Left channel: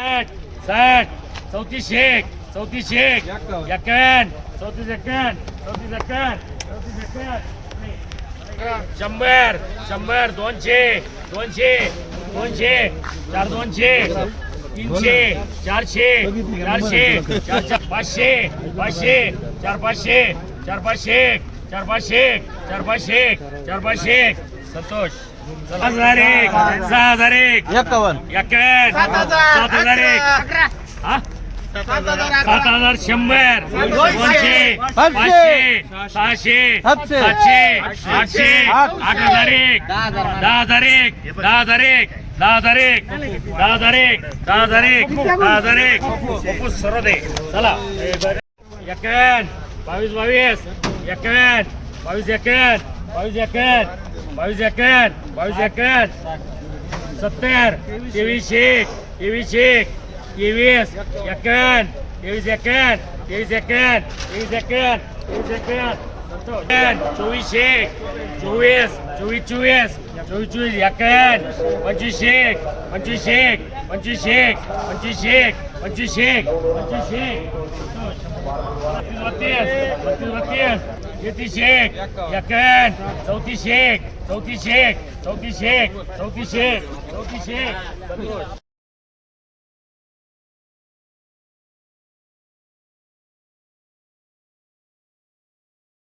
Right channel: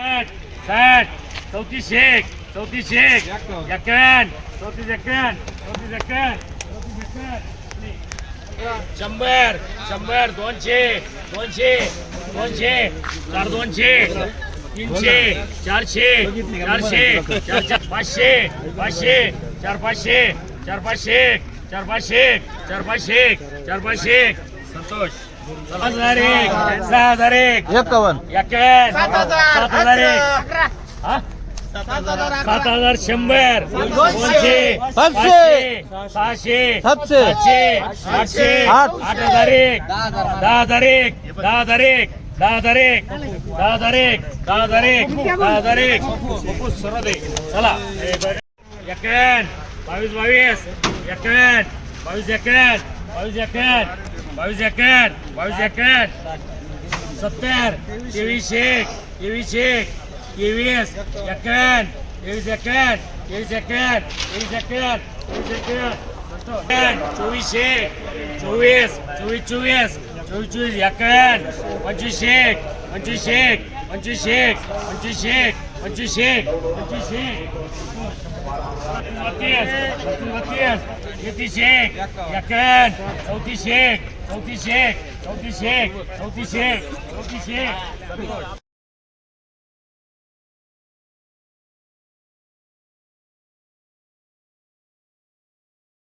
साठ साठ चौतीसशे एक चौतीस एक एकावन्न चौतीस एकावन्न चौतीस एकावन्न चौतीस एकावन्न शंभर शंभर दोनशे दोनशे दोनशे चार दोनशे तीनशे चारशे चारशे चार चार पाचशे पाचशे चार पाचशे चार पाचशे चार पाचशे चार पाचशे चार पाचशे. संतोष. पाच हजार एक सहा हजार एक. एकावन्न. सात हजार. एक. हा? सात हजार शंभर. दोनशे. पाचशे. सहाशे. सातशे. सातशे. आठशे. आठ हजार एक. दहा हजार. एक. दहा हजार एक. दहा हजार एक. दहा हजार एक. दहा हजार एक. दहा हजार एक. सर्व दे. चला. एकावन्न बावीस बावीस. एकावन्न बावीस एकावन्न બાવીસ એકેર બાવીસ એકેર બાવીસ એકેર સત્તર ત્રેવીસ એક ત્રેવીસ એક ત્રેવીસ એકાવન ત્રેવીસ એકાવન ત્રેવીસ એકાવન ત્રેવીસ એકાવન ત્રેવીસ એકાવન ચોવીસ એક ચોવીસ ચોવીસ ચોવીસ ચોવીસ ચોવીસ એકાવન પચીસ એક પચીસ એક પચીસ એક પચીસ એક પચીસ એક પચીસ એક તેત્રીસ શેખ યકન ચૌથી શેખ ચૌથી શેખ ચૌથી શેખ ચૌથી શેખ ચૌથી શેખ